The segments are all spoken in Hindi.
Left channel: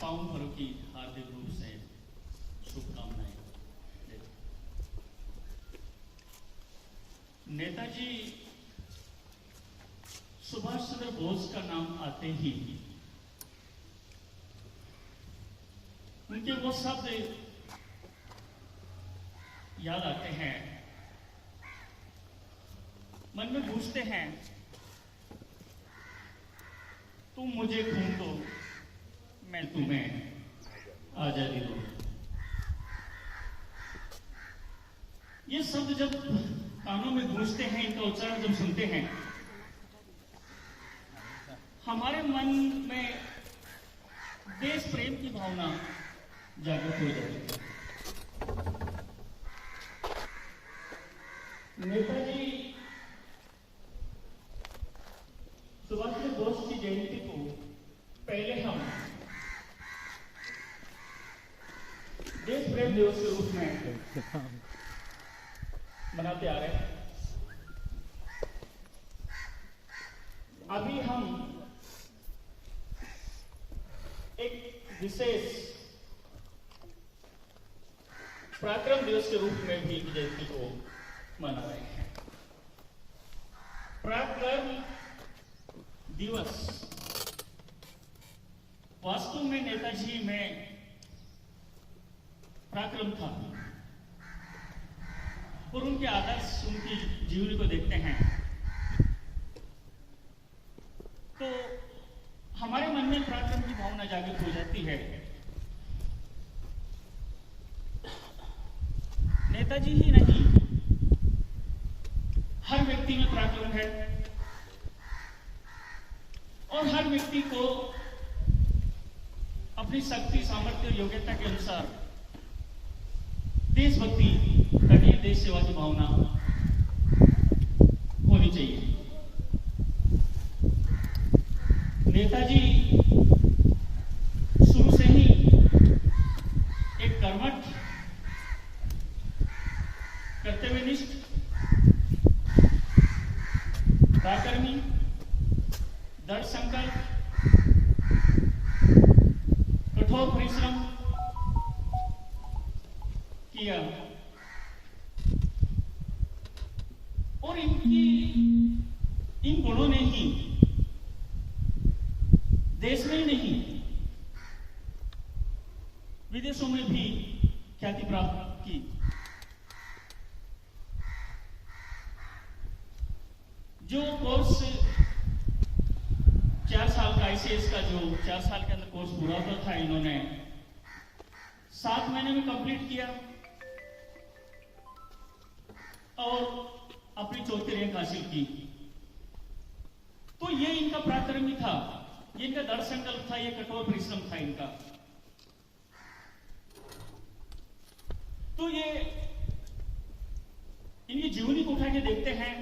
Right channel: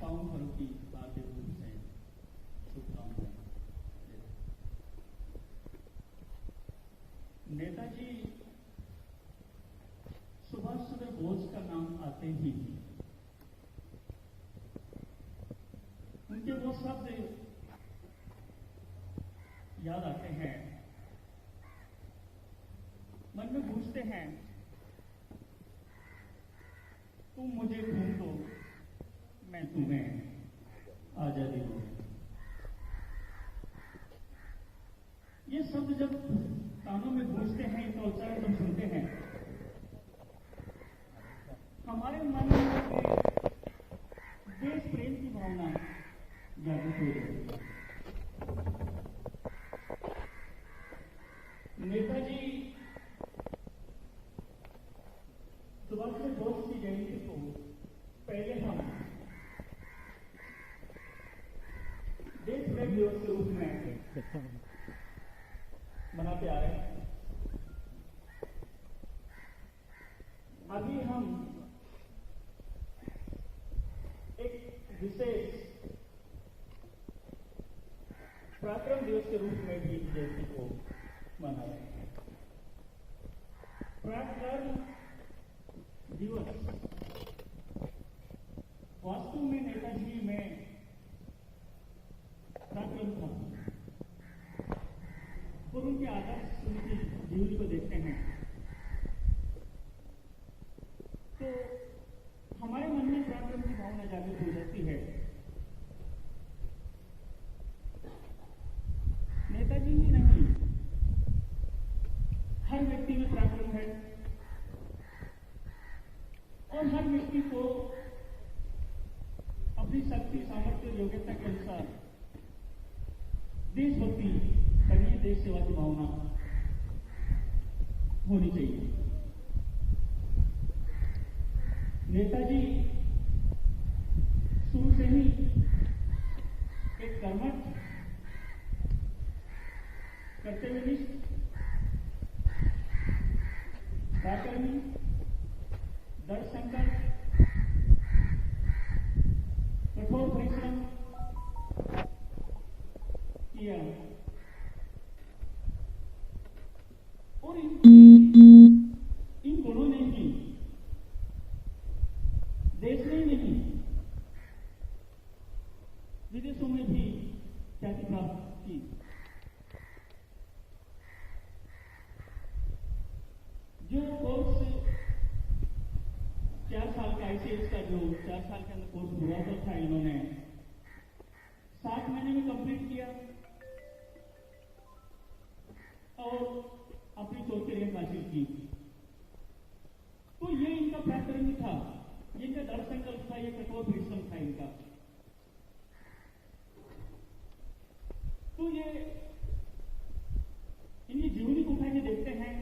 पावन पर्व की हार्दिक रूप से शुभकामनाएं देता हूं। नेताजी सुभाष चंद्र बोस का नाम आते ही उनके वो शब्द याद आते हैं, मन में पूछते हैं, तुम मुझे खून दो, मैं तुम्हें आजादी दूं। ये शब्द जब कानों में गूंजते हैं, इनका उच्चारण जब सुनते हैं, हमारे मन में देश प्रेम की भावना जागृत हो जाती है। नेताजी सुभाष चंद्र बोस की जयंती को पहले हम देश प्रेम दिवस के रूप में मनाते आ रहे हैं। अभी हम एक विशेष पराक्रम दिवस के रूप में भी जयंती को मना रहे हैं। पराक्रम दिवस वास्तव में नेताजी में पराक्रम था, और उनके आदर्श, उनकी जीवनी को देखते हैं तो हमारे मन में पराक्रम की भावना जागृत हो जाती है। नेताजी ही नहीं, हर व्यक्ति में पराक्रम है और हर व्यक्ति को अपनी शक्ति, सामर्थ्य और योग्यता के अनुसार देशभक्ति करनी, देश सेवा की भावना होनी चाहिए। नेताजी शुरू से ही एक कर्मठ, कर्तव्यनिष्ठ, पराक्रमी, दृढ़ संकल्प, कठोर परिश्रम किया और इन गुणों ने ही देश में ही नहीं, विदेशों में भी ख्याति प्राप्त की। जो कोर्स 4 साल का ICS का, जो 4 साल के अंदर कोर्स पूरा होता था, इन्होंने 7 महीने में कंप्लीट किया और अपनी 4थी रैंक हासिल की। तो ये इनका पराक्रम था, ये इनका दृढ़ संकल्प था, ये कठोर परिश्रम था इनका। तो ये इनकी जीवनी को उठा के देखते हैं,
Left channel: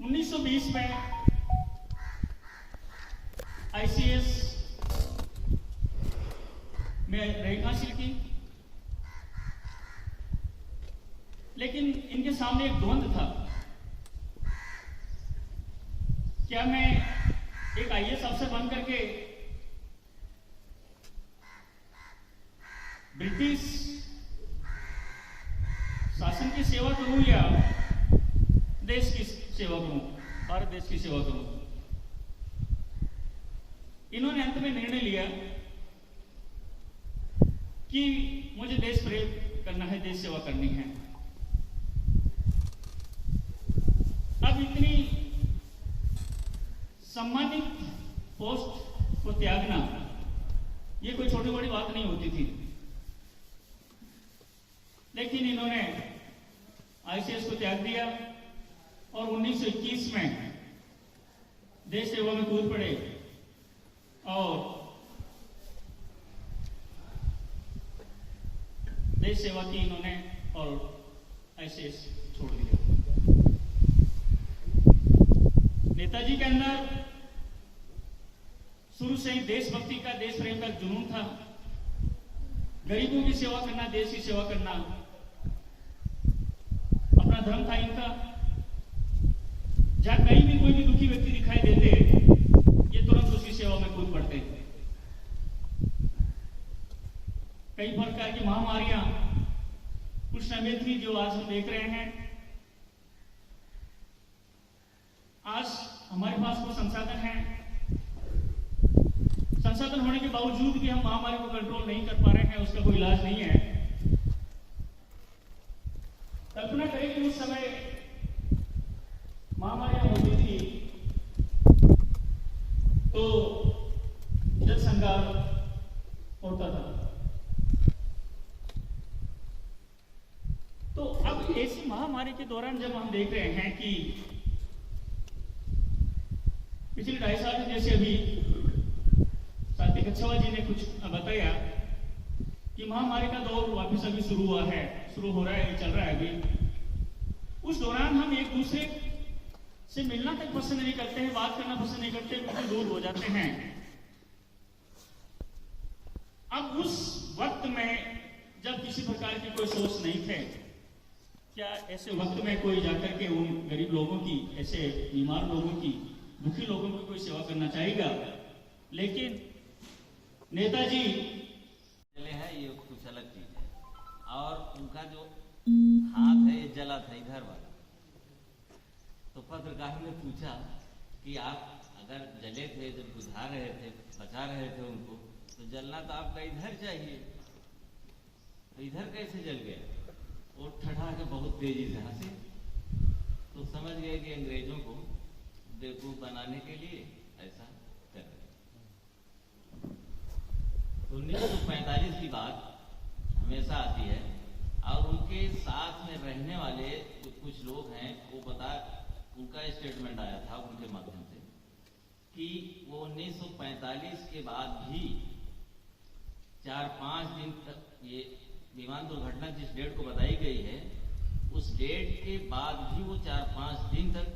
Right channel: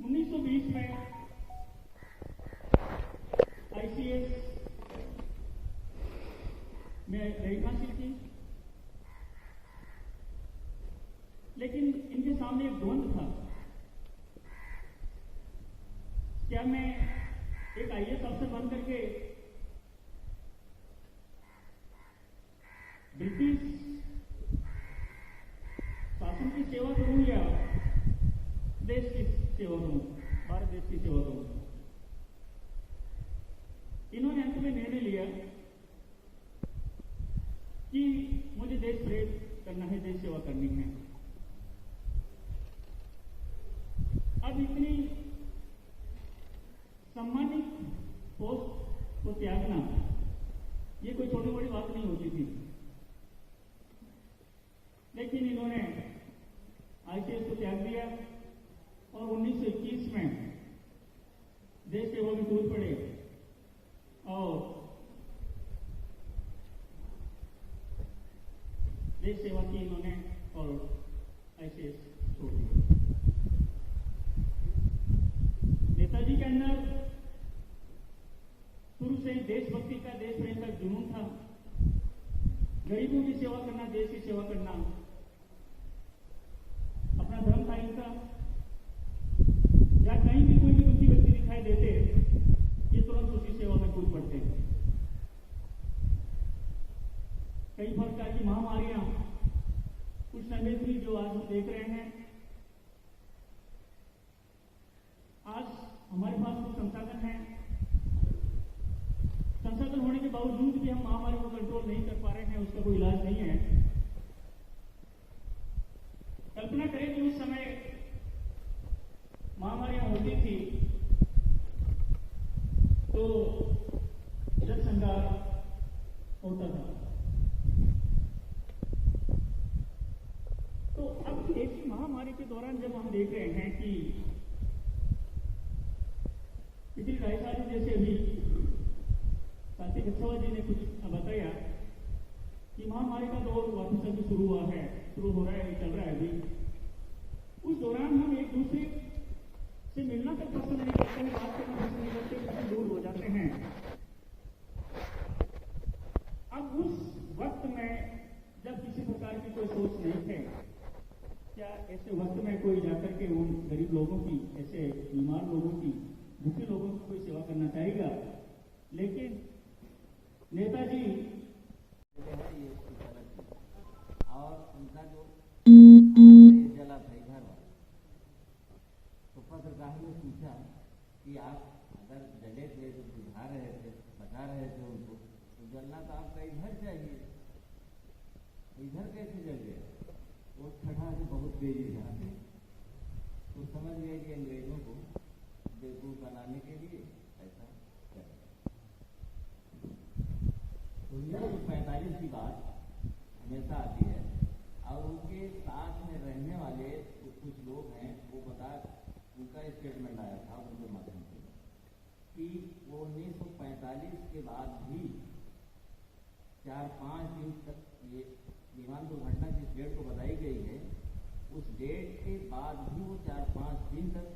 1920 में ICS में रैंक हासिल की, लेकिन इनके सामने एक द्वंद्व था, क्या मैं एक IAS अफसर बन करके ब्रिटिश शासन की सेवा करूं या देश की सेवा करूं, भारत देश की सेवा करूं। इन्होंने अंत में निर्णय लिया कि मुझे देश प्रेम करना है, देश सेवा करनी है। अब इतनी सम्मानित पोस्ट को त्यागना, ये कोई छोटी बड़ी बात नहीं होती थी, लेकिन इन्होंने ICS को त्याग दिया और 1921 में देश सेवा में कूद पड़े और देश सेवा की इन्होंने और ICS छोड़ दिया। नेताजी के अंदर शुरू से ही देशभक्ति का, देश प्रेम का जुनून था। गरीबों की सेवा करना, देश की सेवा करना अपना धर्म था इनका। जहां कहीं भी कोई भी दुखी व्यक्ति दिखाई देते, ये तुरंत उसकी सेवा में कूद पड़ते। कई प्रकार की महामारियां कुछ समय थी जो आज हम देख रहे हैं। आज हमारे पास वो संसाधन है, संसाधन होने के बावजूद भी हम महामारी को कंट्रोल नहीं कर पा रहे हैं, उसका कोई इलाज नहीं है। कल्पना करें कि उस समय महामारियां होती थी तो जल संगार होता था। तो अब ऐसी महामारी के दौरान जब हम देख रहे हैं कि पिछले 2.5 साल में, जैसे अभी साथी कच्छवा जी ने कुछ बताया कि महामारी का दौर वापस अभी शुरू हो रहा है, चल रहा है अभी। उस दौरान हम एक दूसरे से मिलना तक पसंद नहीं करते हैं, बात करना पसंद नहीं करते, बिल्कुल दूर हो जाते हैं। अब उस वक्त में जब किसी प्रकार की कोई सोच नहीं थे, क्या ऐसे वक्त में कोई जाकर के उन गरीब लोगों की, ऐसे बीमार लोगों की, दुखी लोगों की कोई सेवा करना चाहेगा? लेकिन नेताजी है, ये कुछ अलग चीज है। और उनका जो हाथ है ये जला था इधर वाला। तो पत्रकार ने पूछा कि आप अगर जले थे, जब बुझा रहे थे, बचा रहे थे उनको, तो जलना तो आपका इधर चाहिए, तो इधर कैसे जल गया? वो ठठा के बहुत तेजी से हंसे। तो समझ गए कि अंग्रेजों को बेवकूफ बनाने के लिए ऐसा कर रहे। 1945 की बात हमेशा आती है, और उनके साथ में रहने वाले जो कुछ लोग हैं वो उनका स्टेटमेंट आया था उनके माध्यम से कि वो 1945 के बाद भी 4-5 दिन तक, ये विमान दुर्घटना जिस डेट को बताई गई है उस डेट के बाद भी वो 4-5 दिन तक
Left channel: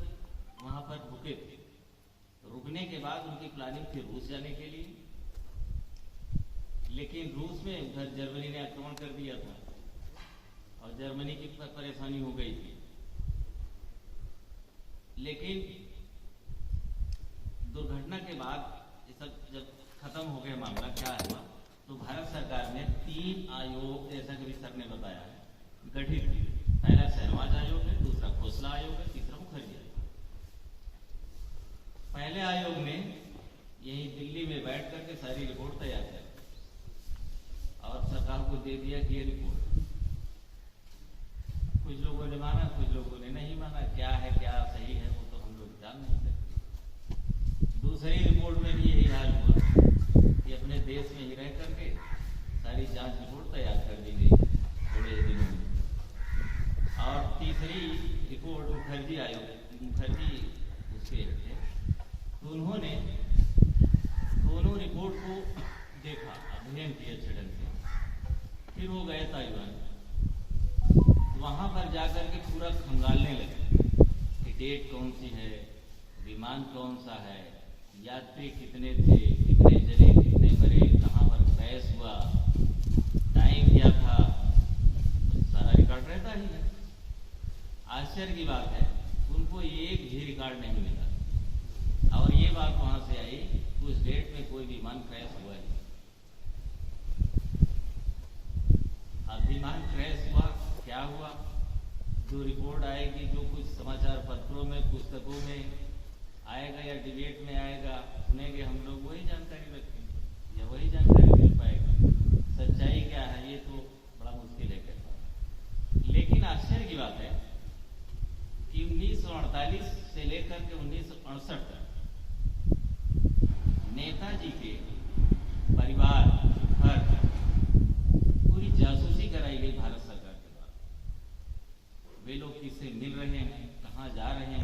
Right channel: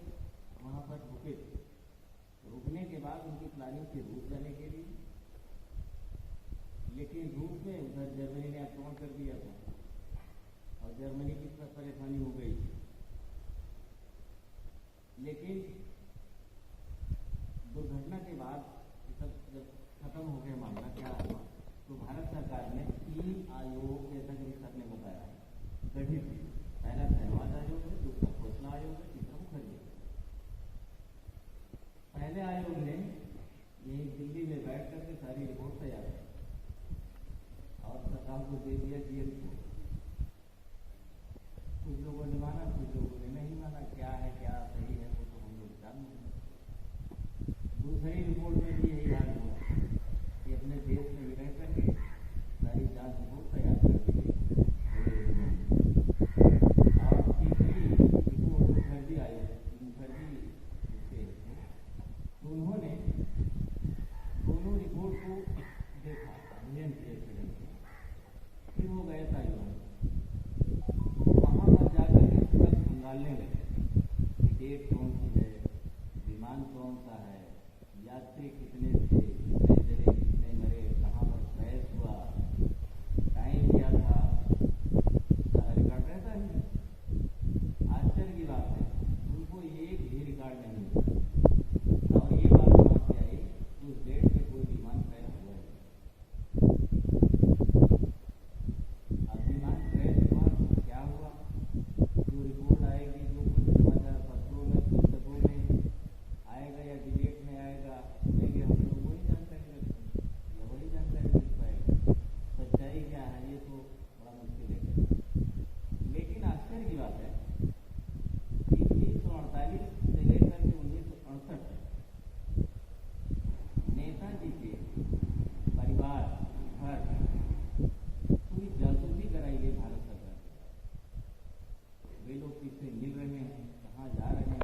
वहां पर रुके थे। रुकने के बाद उनकी प्लानिंग थी रूस जाने के लिए, लेकिन रूस में उधर जर्मनी ने आक्रमण कर दिया था और जर्मनी की परेशानी हो गई थी। लेकिन दुर्घटना के बाद ये सब जब खत्म हो गया मामला, क्या हुआ, तो भारत सरकार ने 3 आयोग, जैसा कि सर ने बताया है, गठित किए। पहला शहनवाज आयोग है, दूसरा खोसला आयोग है, तीसरा मुखर्जी आयोग। पहले आयोग ने यही दिल्ली में बैठ करके सारी रिपोर्ट तैयार कर और सरकार को दे दिया कि ये रिपोर्ट। कुछ लोगों ने माना, कुछ लोगों ने नहीं माना। क्या है, क्या सही है, वो तो हम लोग जान नहीं सकते। दूसरी रिपोर्ट में भी यही हाल हुआ कि अपने देश में ही रह करके सारी जांच रिपोर्ट तैयार कर दी गई थोड़े दिनों में। और तीसरी रिपोर्ट मुखर्जी उसके थे, तो उन्होंने दोनों रिपोर्ट को देखा, अध्ययन किया अच्छे ढंग से। फिर वो गए ताइवान, वहां पर जाकर के पूरा खंगालने लगे कि डेट कौन सी है, विमान कौन सा है, यात्री कितने थे, कितने जले, कितने मरे, कहाँ पर क्रैश हुआ, टाइम क्या था, सारा रिकॉर्ड रहता ही है। आश्चर्य की बात है, उनको एक भी रिकॉर्ड नहीं मिला। और ये बात वहां से आई, उस डेट में कोई विमान क्रैश हुआ ही। अब विमान क्रैश हुआ, क्या हुआ, जो रिपोर्ट आएगी, जो कुछ समाचार पत्रों में, पुस्तकों में आएगा या डिबेट में आएगा, सुनेंगे हम लोग, वही जानकारी रखेंगे या वही जानकारी मिल पाएगी। सच्चाई क्या है ये तो बड़ा मुश्किल है कहना। लेकिन आश्चर्य की बात है कि 1948 से लेकर के 1968 तक नेताजी के परिवार, घर, पूरी जासूसी कराई गई भारत सरकार के द्वारा। वे लोग किससे मिल रहे हैं, कहाँ जा रहे हैं,